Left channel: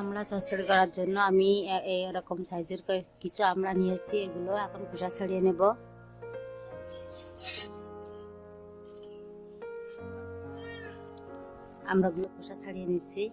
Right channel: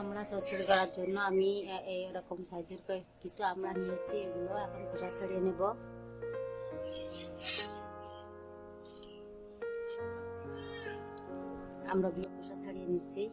আমরা চচ্চড়ি করার জন্য আমি এরকম সাইজের কিছু আমরা নিয়েছি, এগুলো এখন খোসা ছাড়িয়ে নেব। আমরাগুলো খোসা ছাড়িয়ে নিচ্ছি।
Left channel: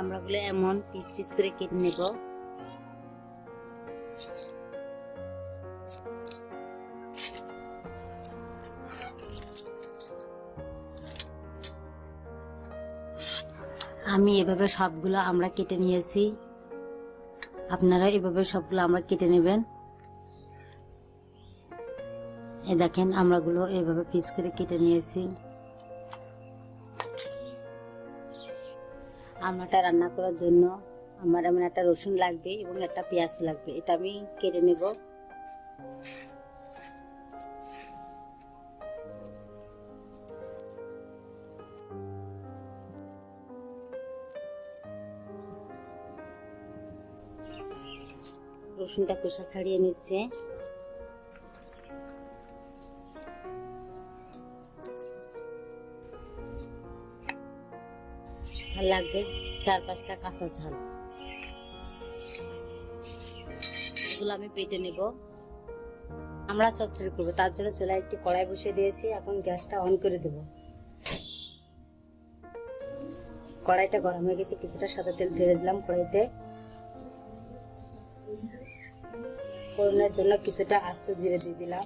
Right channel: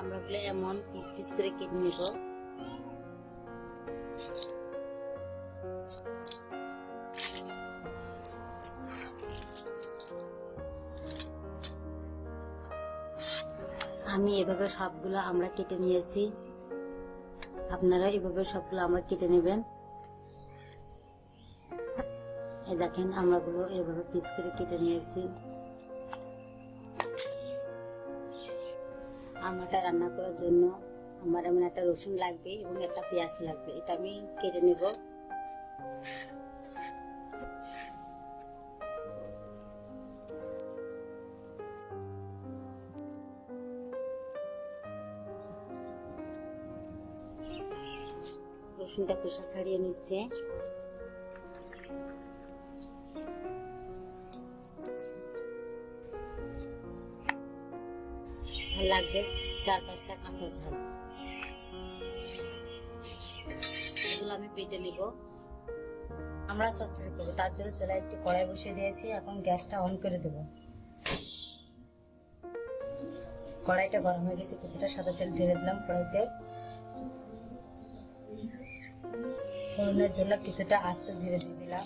আমরাগুলো এমন পিস পিস করে কেটে নেব। আমি এভাবে সবগুলো আমরা কেটে নিয়েছি, আপনারা এভাবে সবগুলো আমরা কেটে নেবেন। এই দেখেন আমরাগুলো এভাবে পিস করে কেটে নিয়েছি। আমরাটা রান্না করার জন্য আমার এমন একটা রসুন লাগবে এবং একটা পেঁয়াজ লাগবে, এটা আমি কেটে নেব। রসুনটা খোসা ছাড়িয়ে নিচ্ছে। লাগবে 4-5টা কাঁচা ঝাল, এগুলো আমি পেটে নেব। আমরা চচ্চড়ি করবো, তার জন্য চুলায় একটি কড়াই বসিয়ে দিয়েছি। এখন গ্যাসটা অন করে দেব। কড়াইটা গরম হয়ে গেছে, কিছুটা সাদা তেল ঢেলে দিলাম কড়াইতে। ফোড়নের জন্য কিছুটা আস্ত জিরে দিয়ে দিলাম।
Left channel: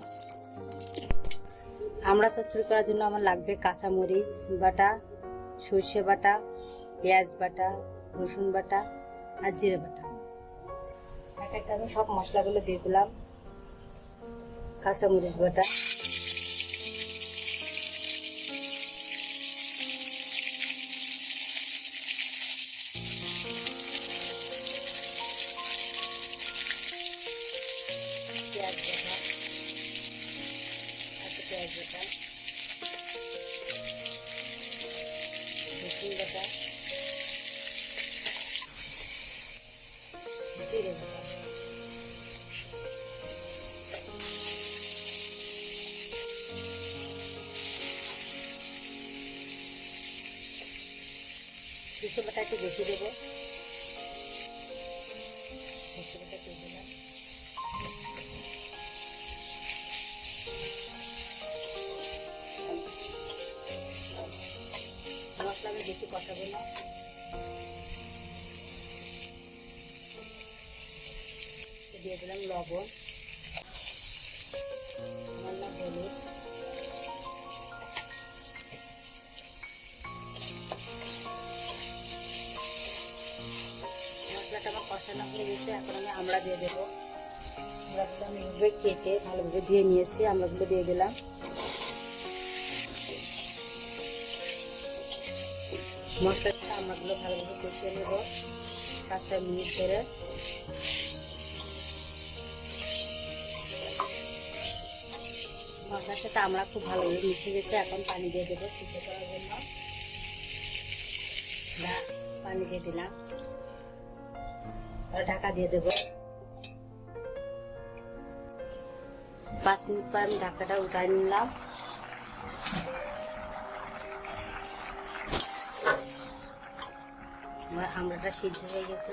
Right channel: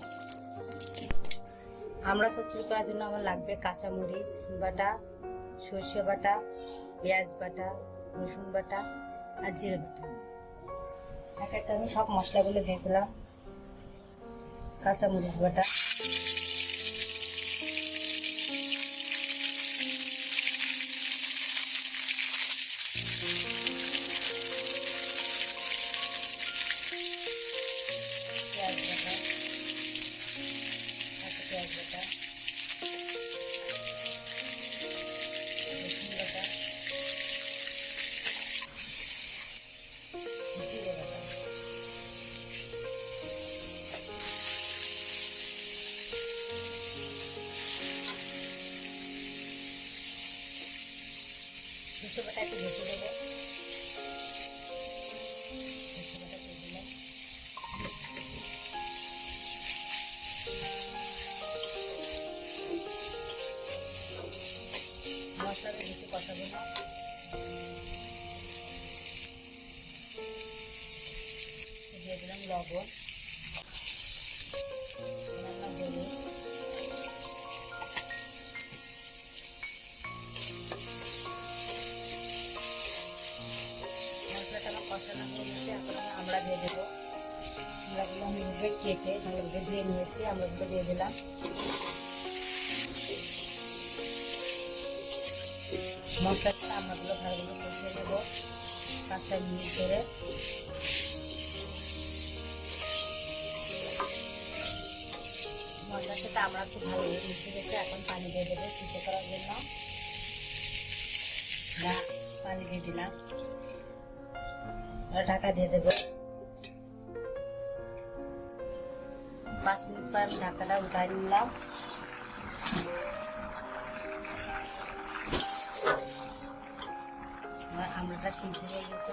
আমরা চচ্চড়ি করার জন্য আমার লাগবে কাঁচা মরিচ বাটা, সর্ষে বাটা, পেঁয়াজ বাটা, রসুন বাটা আর জিরে বাটা। এক একটা আমি সব মশলাগুলো দিয়ে দিলাম। কাঁচা মরিচ বাটা, পেঁয়াজ বাটা, পেঁয়াজ বাটা, রসুন বাটা, জিরে বাটা, সরষে বাটা একটু বেশি দেবো। সরষে বাটা দিয়ে দিলাম। মশলা আমি বেশি কষাবো না। দিয়ে দিলাম লবণ, হলুদ, মশলাটা আমার কষানো হয়ে গেছে। এখন আমি আমড়া দিয়ে দেবো। আমড়াগুলো আমি এভাবে কেটে ভালোভাবে ধুয়ে নিয়েছি, আমড়াগুলো দিয়ে দিলাম। মশলাটা আমড়াগুলো ভালোভাবে কষিয়ে নেব কাঁচা মিনিট ধরে। মশলার সাথে আমরা খুব ভালোভাবে মিশে গেছে। এখন পানি দিয়ে দেবো সিদ্ধ করার জন্য। পানি দিয়ে দিলাম, ঢাকা দিয়ে দেবো। 5 মিনিট পর আমি ঢাকাটা উঠাই নিলাম। আমড়াটা সিদ্ধ হয়ে গেছে।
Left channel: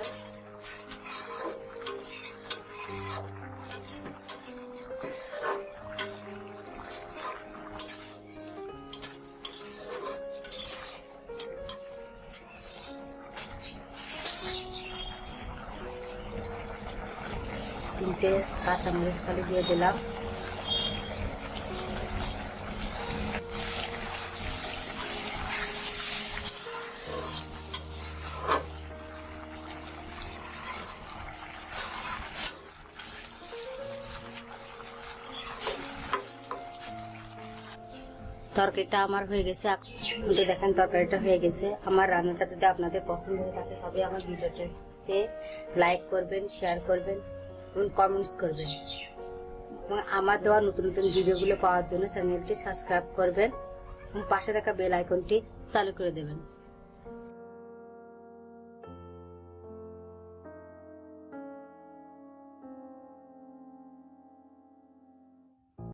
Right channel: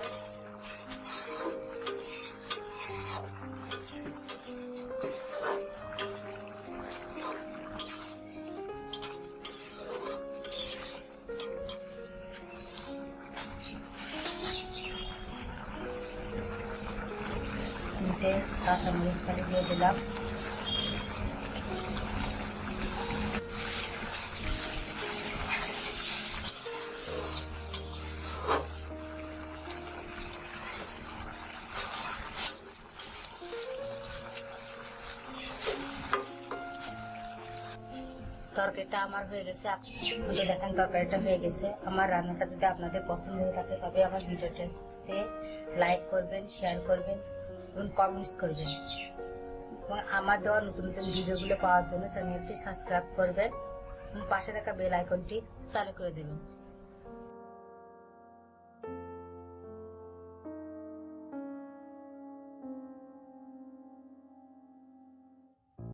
তিনটে কাঁচামরিচ ফালি দিয়ে দিলাম। তরকারিটা আমার হয়ে গেছে। তো দেখেন তরকারিটা হয়ে গেছে। আমার রান্নাটা যদি আপনাদের পছন্দ হয়ে থাকে তবে আমার ভিডিওটাতে লাইক করবেন, শেয়ার করবেন এবং কমেন্টস করবেন। এবং আমার দেওয়া নতুন নতুন ভিডিওগুলো পাওয়ার জন্য চ্যানেলটি সাবস্ক্রাইব করবেন এবং পাশে থাকা বেল আইকনটি চালু করে দেবেন।